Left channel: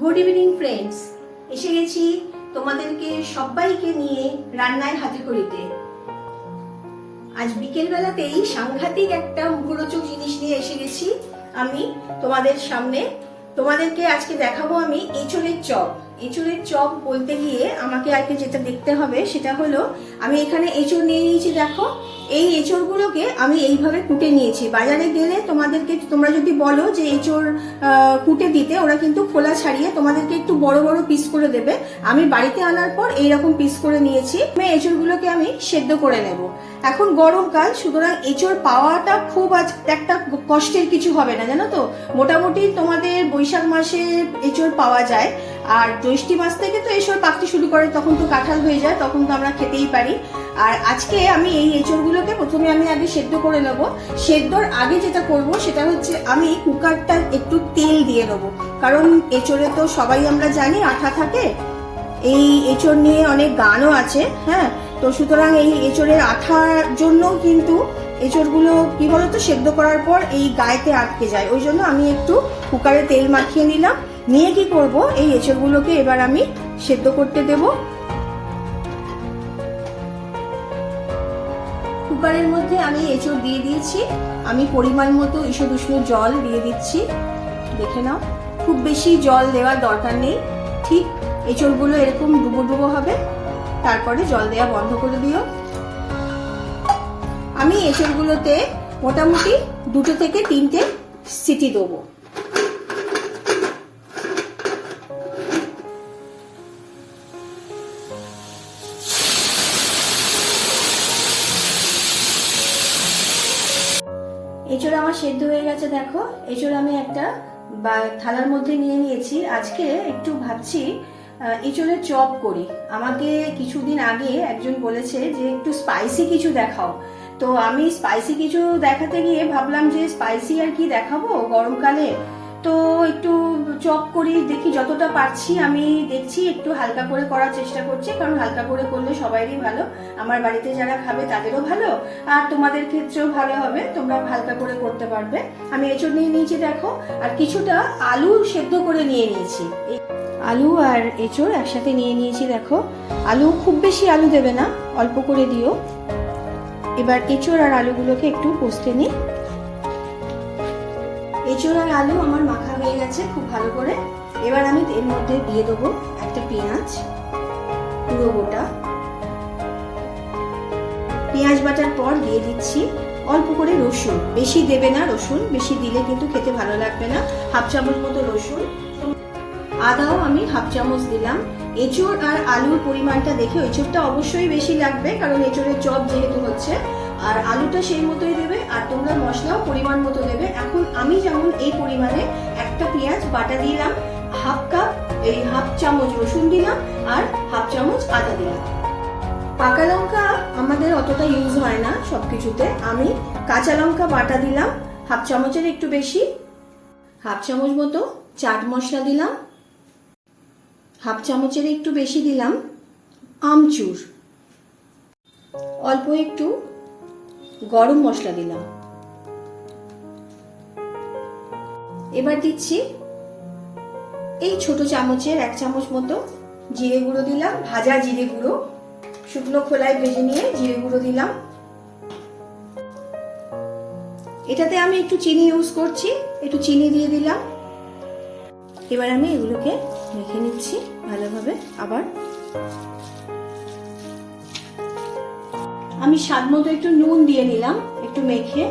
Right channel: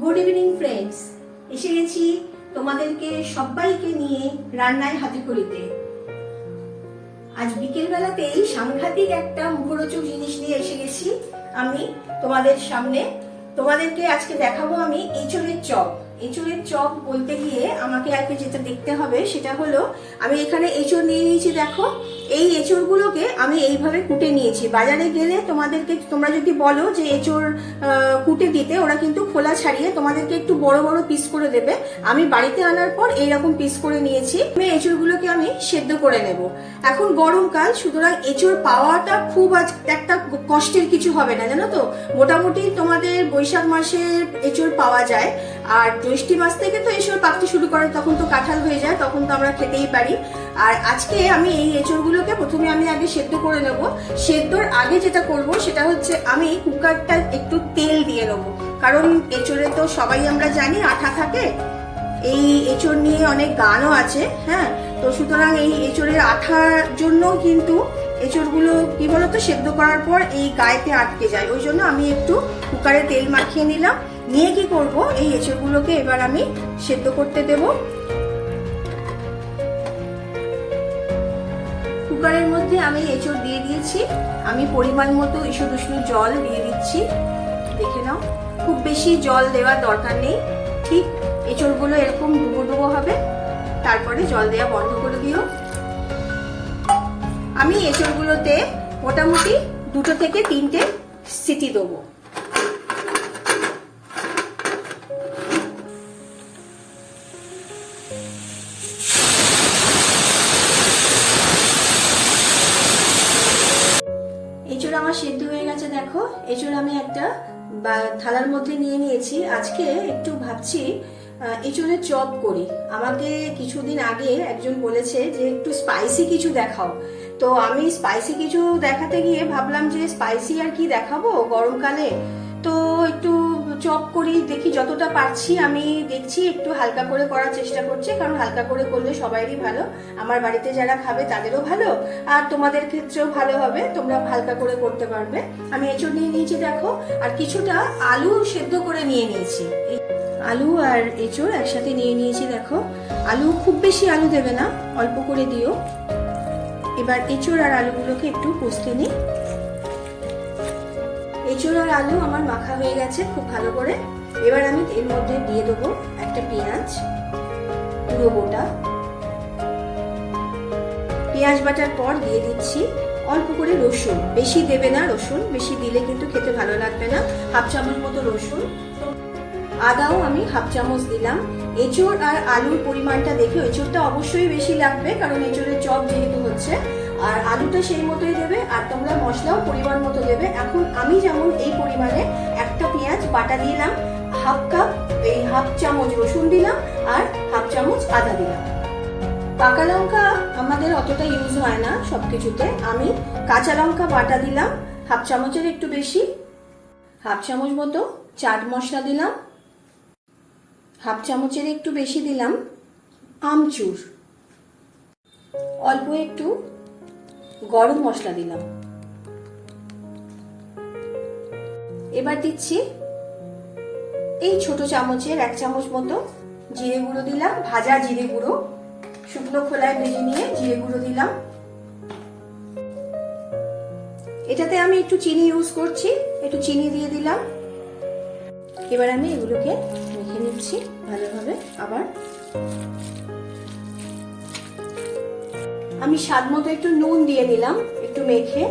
Good evening friends, এসে গেছি তোমাদেরকে সবাইকে নিয়ে রান্নায় হাতে খড়িতে। আজ বিকেল বেলাতেই সাংঘাতিক একটা মুখরোচক জিনিস নিয়ে এসে গেছি আমি তোমাদের সামনে। তোমাদেরকে আজকে দেখাবো আমি এঁচোড়ের চপ। এঁচোড়ের চপ বলতে গিয়ে আমাকে আজকে যেটা দেখতে হবে সেটা হলো, আমি এখানে এঁচোড় নিয়ে নিয়েছি। দেখো, এই এঁচোড়গুলোকে আমি এইভাবে কুটে নিয়েছি। বাজারে গেলে তোমরা যদি বলো যে এঁচোড় কুটে দিতে, ওরা কিন্তু খোলা ছাড়িয়ে তোমাদেরকে একটু বড় বড় পিস করে দেবে। আমি বাড়িতে আনার পর এইরকম পিস করে নিয়েছি। এঁচোড়গুলোকে আমি সেদ্ধ করে নেব। এখন গরমকাল, সুতরাং এঁচোড় পাওয়াটা খুব একটা কষ্টের কিছু হবে না, জানো তো। মোটামুটি তোমাদের বৈশাখ মাসে এঁচোড় পাওয়া যায়, আর জ্যৈষ্ঠ মাস থেকে তো এঁচোড় পাকতে শুরু করে, তখন তো কাঁঠাল হয়ে যায়, তখন তো আমরা খেতেই পারি। আর আজকে আমি এই এঁচোড়গুলোকে প্রথমে আমি আগে সেদ্ধ করে নেব। সেদ্ধর আগে যেটা করব সেটা হচ্ছে, আমি কুকারটা একটু তেল দিয়ে নেবো, কারণ এঁচোড়ে তো সবাই আমরা জানি আঠা থাকে। এই এঁচোড় নিয়ে অনেক গানও আছে, হ্যাঁ। তো সুতরাং এই এঁচোড়ের আঠার জন্য কিন্তু এঁচোড়গুলো কি বলতো, সেদ্ধ করার পর এই গায়েতে আটকে যায়। ওই জন্য আমি একটু কুকারে তেল মাখিয়ে নিলাম। নিয়ে কি করব, এই এঁচোড়গুলোকে এবার আমি সেদ্ধ করতে দেব। কুকারের মধ্যে আমি এঁচোড় দিয়ে দিয়েছি। আমি পরিমাণ মতো ঈষৎ উষ্ণ জল দিয়ে দিচ্ছি। দেখে নাও, খুব বেশি জল দেওয়ার দরকার নেই। ঠিক এঁচোড়গুলো এরকম ডুবো ডুবো হবে, তারপরে জল দেওয়া বন্ধ করে দিও। আমি এঁচোড়গুলোতে মোটামুটি 2 থেকে 3টে সিটি দেবো। এঁচোড় আমার সেদ্ধ হয়ে গেছে। দেখো, এঁচোড় আমি একটা থালার মধ্যে নিয়ে নিয়েছি। আজকে একটু ভাবছি এঁচোড়ের চপ করি। আমাকে কিছুদিন আগে একজন বলেছে যে একটু স্পাইসি কিছু দেখাও। তো আমি স্পাইসি কিছু দেখাতে গিয়ে ভাবলাম যে স্পাইসি আর কি দেখাবো গরমকালে, তো একটু চপ করি দেখি, যতটা পারছি আমি দেখছি একটু হালকা করে করার চেষ্টা করছি, কারণ হালকা করে করলে সবাইরই ভালো। আমার বাড়িতে যারা খাবে তাদেরও ভালো, আর তোমাদের ক্ষেত্রেও ভালো হবে, তোমরা হালকা করে করতে পারবে। আমি এঁচোড় নিয়ে নিয়েছি দেখো, আর কিছুটা আলু সেদ্ধ করে নিয়ে নিয়েছি। আলু আর এঁচোড় একসাথে নিয়ে নিয়েছি। দেখো, আলু খুব বেশি আলু দেবে না, অল্প করে দিও। এবার এঁচোড় আর আলুগুলোকে একটু কষতে নিই। এঁচোড় আর আলু আমার মাখা হয়ে গেছে খুব ভালো করে। এবার আমি এর মধ্যে দিয়ে দেবো একটা পেঁয়াজ, পুরো গোটা। পেঁয়াজ বাটার পর দিয়ে দিচ্ছি অল্প করে রসুন। বেশি দেবে না রসুন, বেশি দিলে কিন্তু খেতে ভালো লাগবে না। 1/2 চামচ মতো রসুন। আদাও আমি 1/2 চামচ দিলাম। এঁচোড় আর আলুর পরিমাণটা দেখে, এঁচোড়টা অবশ্যই বেশি লাগবে কারণ এঁচোড়ের চপ যেহেতু হচ্ছে, আর আলুটা সেই মতোই দেবে, আর তোমরা মশলাও পরিমাণ মতো দেবে। এখন আমি যেমন এই পরিমাণে একটা পেঁয়াজ বাটা দিলাম, 1/2 কাপ এই 1/2 চামচ রসুন দিলাম, আর 1/2 চামচ আদা দিলাম। পাকা লঙ্কা আমাদের অতটা ইউজ হয় না সবকিছুতে। আমি কাঁচা লঙ্কা বাটা দিলাম 1/2 চামচের একটু বেশি। 1/2 চামচ মতো চাট মশলা দিলাম। 1/2 চামচের একটু বেশি দিলাম আমচুর। অল্প একটু গরম মশলা দিলাম। এবার দিচ্ছি এই ছোট চামচের 1 চামচ মতো জিরে গুঁড়ো দিলাম, ভাজা জিরে গুঁড়ো, শুকনো খোলায় ভেজে নিয়ে জিরে গুঁড়ো দিলাম। এটাতে আমি একটু চিনি ইউজ করছি, একটু চিনি দিয়ে দিলাম। এবার আমি এগুলোকে মেখে নিচ্ছি ভালোভাবে। আবার আমি স্বাদ মতো একটু নুন দিয়ে নিলাম একটু মেখে,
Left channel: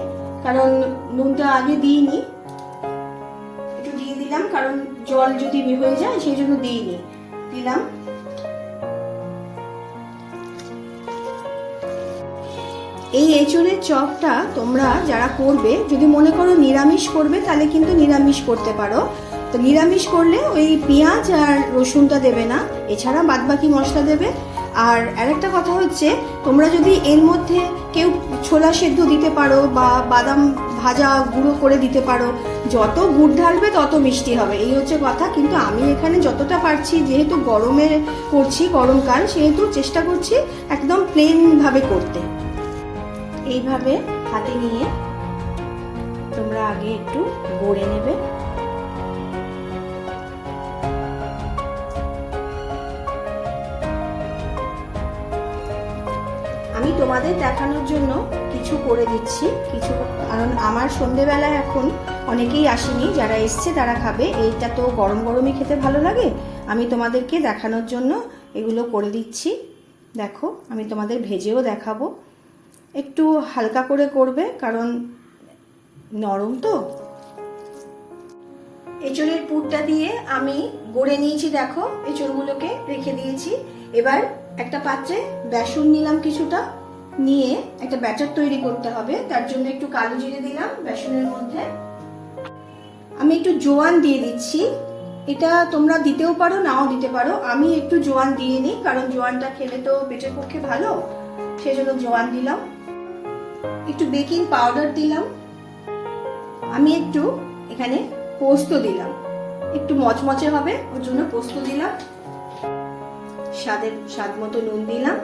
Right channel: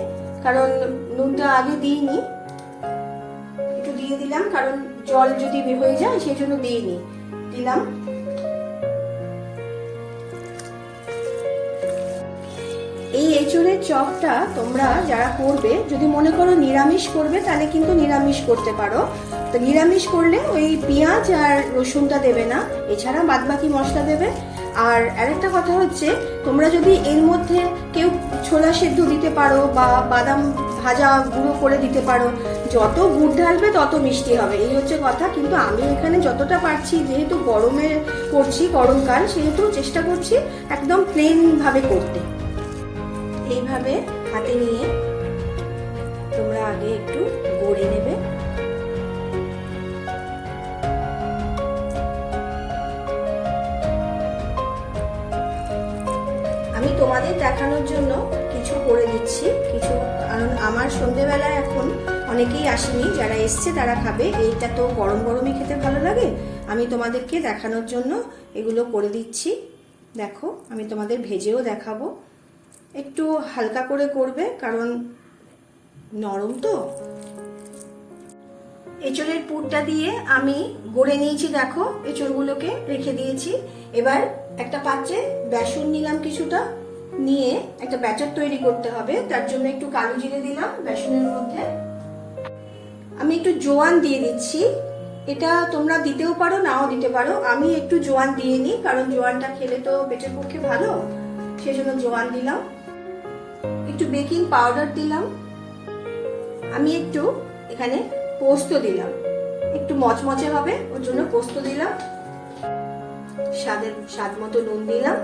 কারণ নুনটা আগে দিইনি, একটু দিয়ে দিলাম কারণ জল যদি হয়ে যায় সেই জন্য দিইনি, দিলাম। এই এঁচোড়ের চপটা তোমরা যারা করবে, যদি মনে করো নিরামিষ করবে তাহলে কিন্তু নিরামিষ করতে পারো। তো নিরামিষ করলে ওই পেঁয়াজ আর রসুনটা দেবে না, এছাড়া বাদবাকি মশলা দেবে। আর আরেকটা কথা হচ্ছে, তোমরা যদি এর মধ্যে কেউ ছোলা সেদ্ধ দিতে পারো বা বাদাম ভাজা গুঁড়ো করে দিতে পারো, যত গুড় ঢালবে তত মিষ্টি হবে, এই হচ্ছে কথা। কিন্তু আমি এখানে যতটা পারছি, যেহেতু গরমে করছি, গরমকাল, সেহেতু চেষ্টা করছি একদম প্লেন ভাবে করতে। এইভাবে হাতে নিয়ে তোমরা আগে একটু গড়ে নেবে। দিচ্ছি কিছু, কারণ আমার সন্ধেবেলায় এখন অনেকেই আসেনি, যারা এসছে তারা খাবে। এইটা তো গরম গরমই খেতে ভালো লাগে, আমি তোমাদেরকে দেখানোর জন্য এগুলো করে দিচ্ছি। দেখো, আমি তোমাদের ভেজেও দেখাবো। একটু হালকা করে করবে, কারণ নরম তো। এঁচড়ের পুরটা দিয়ে আমি গড়ে নিয়েছি, দেখো এঁচড়গুলোকে রেখে দিয়েছি। এবার একটা পাত্রে বেসন নিলাম কিছুটা, নিয়ে একটা ব্যাটার তৈরি করতে হবে। তার জন্য একটু কালো জিরে দিলাম বেসনের মধ্যে, আমি একটু জোয়ান দিয়ে দিচ্ছি। এটা তোমরা দিতেও পারো, নাও দিতে পারো। আমি একটু জোয়ান দিয়ে নিই, কারণ জোয়ানটা খেলে তো পেটের পক্ষে ভালো, সেজন্য জোয়ান দিলাম। একটু বেকিং পাউডার দিলাম, আমি একটু এখানে পোস্ত দিলাম, একটু মচমচে হবে ওর জন্য পোস্ত দিলাম। স্বাদ মতো নুন দিলাম,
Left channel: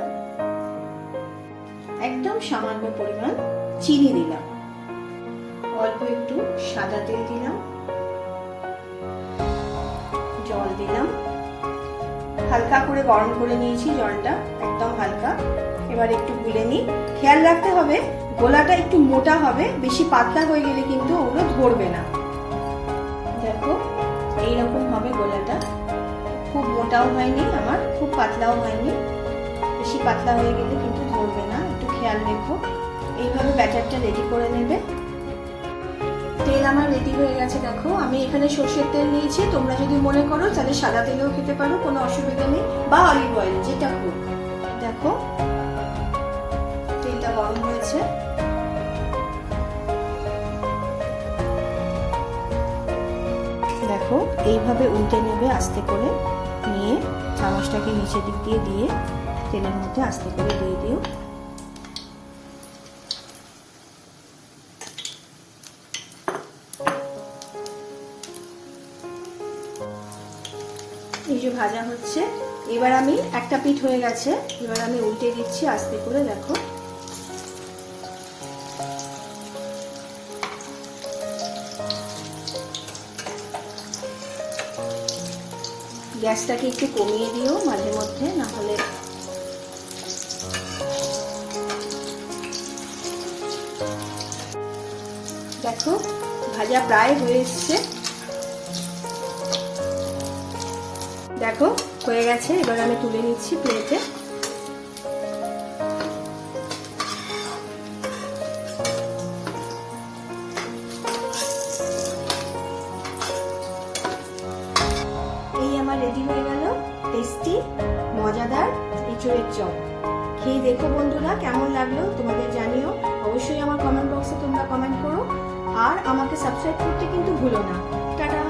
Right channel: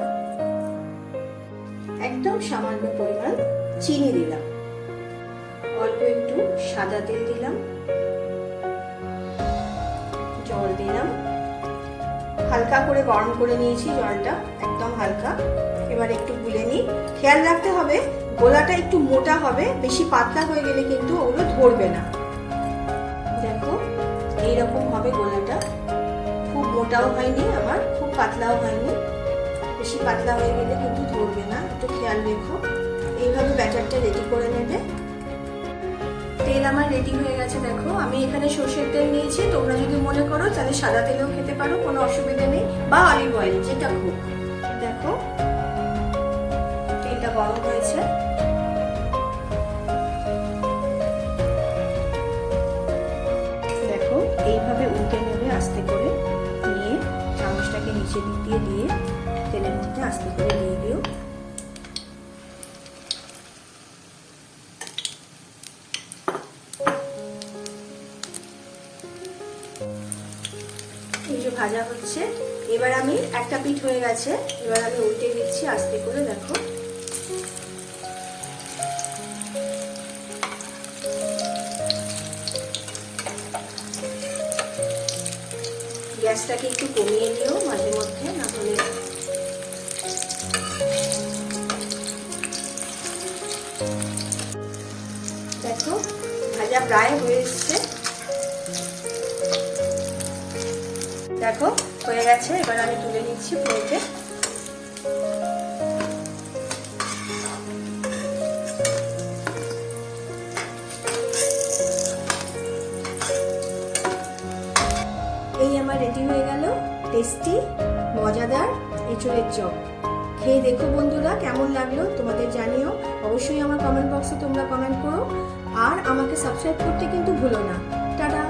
একদম সামান্য পরিমাণ চিনি দিলাম, অল্প একটু সাদা তেল দিলাম, জল দিলাম। হালকা করে গরম করে নিয়েছি জলটা, একদম হালকা। এবার একটু গুলে নিই। খেয়াল রাখতে হবে গোলাটা একটু মোটা হবে, বেশি পাতলা হয়ে গেলে কিন্তু ওগুলো ধরবে না। দেখো এইরকম হবে গোলাটা, খুব মোটাও হয়নি আমার, খুব পাতলাও হয়নি। বেশি পাতলা হয়ে গেলে কিন্তু ধরবে না, একটু খেয়াল রেখো। এইভাবে ব্যাটারটা রেডি করে নেবে। তেল আমার রেডি হয়ে গেছে। দেখো আমি এখানে সর্ষের তেল নিয়েছি, তোমরা যদি মনে করো তাহলে সাদা তেলেও খেতে পারো, কোনো অসুবিধা নেই, বা অলিভ অয়েল, যেটা হোক। দেখো তেলটা গরম হয়েছে, দেখো এইভাবে উল্টে নেবে আস্তে করে, নিয়ে চামচটাকে নিচে দিক দিয়ে দিয়ে তেলের মধ্যে আস্তে করে দিয়ে দিও। এই যে ভাজা হচ্ছে, এবার আমি একটা পিঠ হয়ে গেছে, এবার আমি উল্টে দিচ্ছি আস্তে করে। দেখো গ্যাসটাকে একটু কমিয়ে দিও মাঝে মধ্যে, না হলে দেখো ভাজা প্রায় হয়ে এসছে। দেখো হয়ে গেছে, এবার আমি তুলে নিচ্ছি প্লেটে। এই আমার রেডি হয়ে গেল টেস্টি মজাদার এঁচড়ের চপ। খেয়ে দেখো বন্ধুরা, কেমন লাগলো তোমাদের জানিও। অবশ্যই আমার কমেন্ট বক্সে তোমরা কমেন্ট করো, আর আমাকে সাবস্ক্রাইব করতে কিন্তু ভুলো না। টাটা।